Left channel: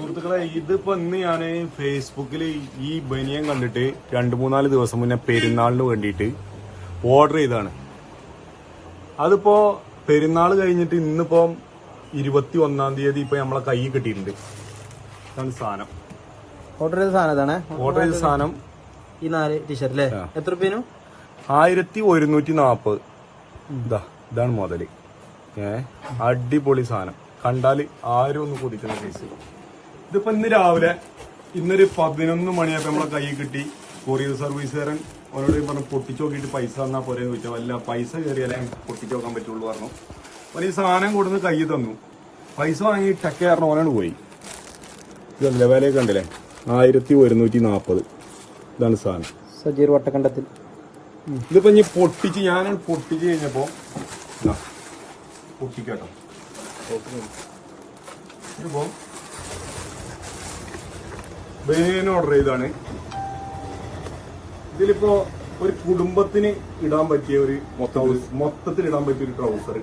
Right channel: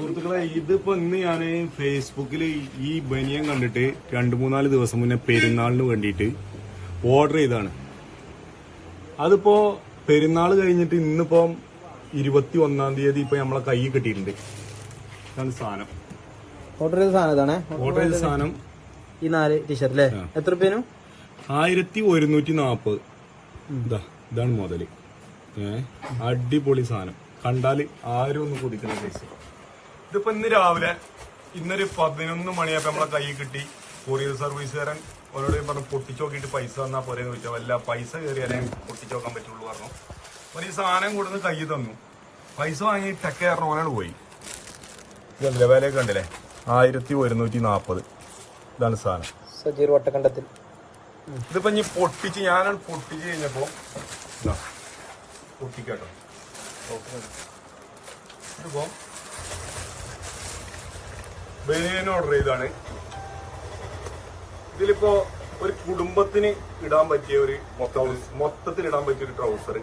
സുഹൃത്തുക്കളെ, ഇതിപ്പോ ഇന്ന് ഞാൻ ഫേസ്ബുക്കിൽ ഈ ബനിയൻ കണ്ടിട്ട് 2-3 ദിവസം മുന്നേ പെരുന്നാളിന് വേണ്ടിയിട്ട് ഓർഡർ ചെയ്താണ്. അതിപ്പോ പെരുന്നാൾ കഴിഞ്ഞിട്ട് ഇന്നിപ്പോ 21-ാം തീയതി ഇപ്പൊ നമ്മളെ കൈ കിട്ടിയിട്ടുണ്ട്. ഇതാണ് സാധനം. ഓർഡർ ചെയ്ത സാധനം ഈ 4 ടീഷർട്ട് അല്ലേ? എത്ര രൂപേനും? 1140. ഇതാണ് മുതല്. അടിപൊളി സാധനം. കണ്ടാല് ആരും ഒന്ന് കൊതിക്കുന്ന കേസ്. ഇതിപ്പോ ഇന്ന് രാവിലെ ഇന്നൊരു 11 മണിയായപ്പോ നമ്മളെ കൈ കിട്ടി. കൊറിയർ സർവീസുകാരൻ ഓരോട് പറഞ്ഞു പൊട്ടിച്ചു നോക്കിയിട്ട് പൈസ തന്നാ പോരെ ചോദിച്ചാൽ വല്ല പൈസ കയറിയാലേ പൊട്ടിച്ചു നോക്കാൻ പറ്റുള്ളൂ പറഞ്ഞു. അപ്പൊ ഈ സാധനം കൊടുന്ന് കൈ തന്നു. പൈസ വാങ്ങി ടെക്കാരൻ ഓനാണ് പോയി. ഇതല്ലേ വിലയൊക്കെ കണ്ടില്ലേ? 1140. ഇതാണ് സാധനം. സജീർ വട്ടക്കണ്ടത്തിൽ. ഇതിപ്പോ ഇനി പൊട്ടിച്ച് ഞാനാണ് പൊട്ടിച്ച് കഴിഞ്ഞപ്പോ പൊട്ടിക്കാട്ടോ. ഇതിപ്പോ ബനിയൻ ഓർഡർ ചെയ്താണ്. ഇതിലിപ്പോ ഒരു കുടുംബത്തിന് ഇടാൻ പറ്റിയ ഒരു മൊത്തത്തിൽ ഇടാൻ പറ്റിയ ഒരു ട്രൗസർ.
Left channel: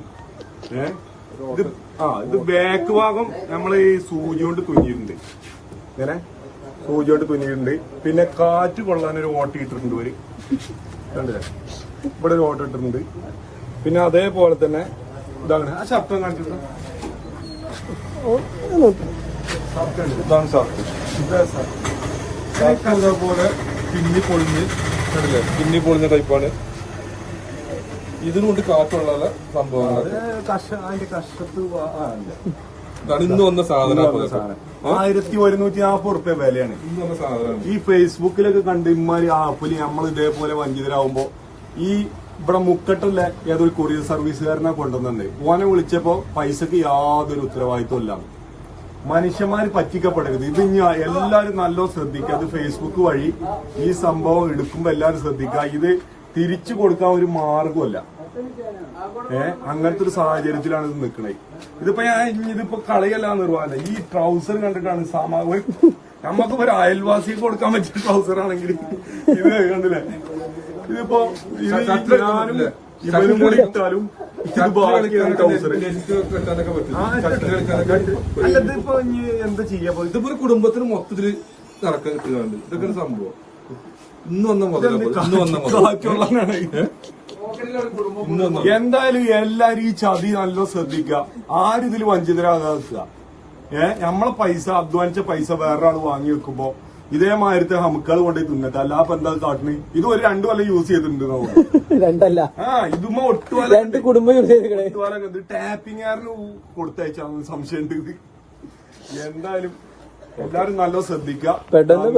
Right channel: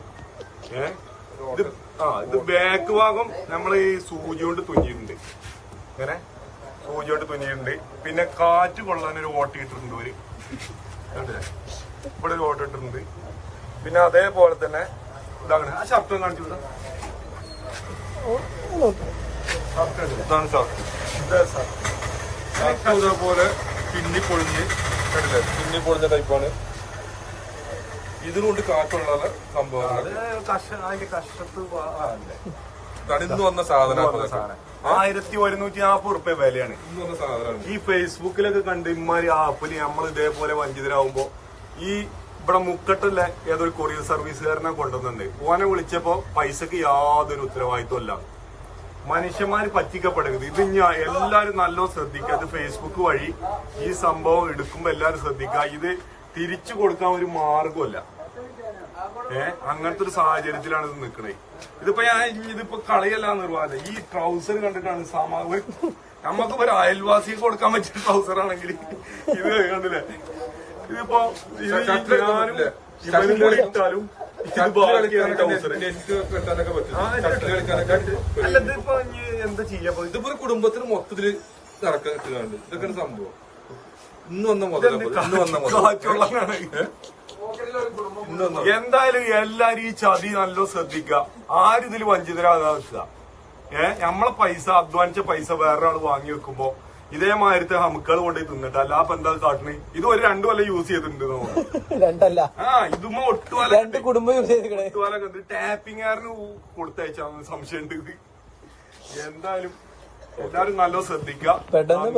ഇത് ബാക്ക് ഭാഗം നമ്മൾ ഈ സൂചി കൊണ്ട് തുന്നിയിട്ടുണ്ട്. ഇങ്ങനെ സൂചി കൊണ്ട് തുന്നിയിട്ടുണ്ട്. പിന്നെ കാറ്റ് കൊള്ളാനൊരു ഓട്ട ഇട്ടിട്ടുണ്ട്. ഒരു കണ്ടില്ലേ? ഇവിടെ ഒരു ഓട്ട ഇട്ടിട്ടുണ്ട്. പിന്നെ അതേപോലെ തന്നെ ഇതാണ് ആ ഷർട്ടം കാണിച്ചിട്ടുണ്ട്. ഇതാണ് ഷർട്ട്. ഷർട്ട് അതേപോലെ പിന്നി പൊളിഞ്ഞ ടൈപ്പാണ്. ഇതിനുകൊണ്ട് കാറ്റുള്ള സംഭവങ്ങൾ. അതിന്റെ കഷ്ടത്ത് ഇന്ന് വന്ന സാധനം 1140 വിലയാണ് ഇന്ന് വന്ന സാധനം. ഈ ഫേസ്ബുക്കിലൊക്കെ കണ്ട് ഇമാരി ആപ്പില് നമ്മൾ ഇതേപോലെ വഞ്ചിതരാകുമ്പോ ഈ ഇവിടെ മുക്കട്ടല്ല ഏതൊരു കൊറിയർ സർവീസുകാരനെ കൊണ്ടുവന്നുണ്ട്. ഓനെ വിളിച്ചപ്പോ പൈസക്ക് യാതൊരു ഉത്തരവാദിത്വമില്ല. മനുഷ്യന്മാര് പറ്റിക്കപ്പെടരുത്. ഇത് ഞാൻ എല്ലാരും നല്ലോണം ശ്രദ്ധിക്കുക. അത് ഫേസ്ബുക്ക് വഴി ഈ സംഭവം എടുക്കുമ്പോ എല്ലാരും ശ്രദ്ധിക്കുക. ഇത് തിരിച്ചു കൊടുക്കാൻ ഒരു മാർഗമല്ല. അങ്ങനത്തെ ഒരു സാഹചര്യത്തിലാണ് ഇത് നിൽക്കണേ. ഇതിപ്പോ കളിയല്ല നിർവാഹമല്ല. ഈ ട്രൗസർ കണ്ടിട്ടാണ് നമുക്ക് ഒരു അയൽവാസിക്ക് കൊടുക്കാൻ പറ്റിയ ട്രൗസർ ആണെങ്കിൽ ഇത് കണ്ടില്ലേ? ഇതിപ്പോ ഞാനും ഇവരും കൂടി ഇട്ടാലും ഇത് ബാക്കിയാണ് ട്രൗസർ. അല്ല, ഇതിപ്പോ എന്താ ചെയ്യാ? ഇതിപ്പോ ഒരു കുടുംബത്തിന് മൊത്തത്തില് നടക്കാൻ കിട്ടുകയാണ്. ഇതൊക്കെ സംഭവം എന്തായാലും എല്ലാരും ഈ ചതി നല്ല ശ്രദ്ധിക്കുക. ആരും ഇതിൽ വഞ്ചിതരാകാതെ വെക്കുക. നമ്മളെ പൈസ അധ്വാനിച്ച പൈസ വേറൊരാൾ വാങ്ങി വെക്കുമ്പോ ഇതേമാതിരത്തെ ഹമുക്കാൾ കൊണ്ടുപോയി തിന്നിട്ട് അല്ലാ എന്താ കാട്ടിന്. ഇത് ഒരു 2 കൊല്ലം യൂസ് ചെയ്തിട്ടുണ്ട് നമുക്ക്. ഇതുമ്മ ഒട്ടുവല കുടുംബം യൂസ് ചെയ്ത് ടാപ്പിംഗുകാരന് കൊടുത്തയച്ചാൽ സംശയമുണ്ട്. എന്തായാലും എല്ലാരും നല്ല ശ്രദ്ധിക്കുക. പെട്ടെന്ന്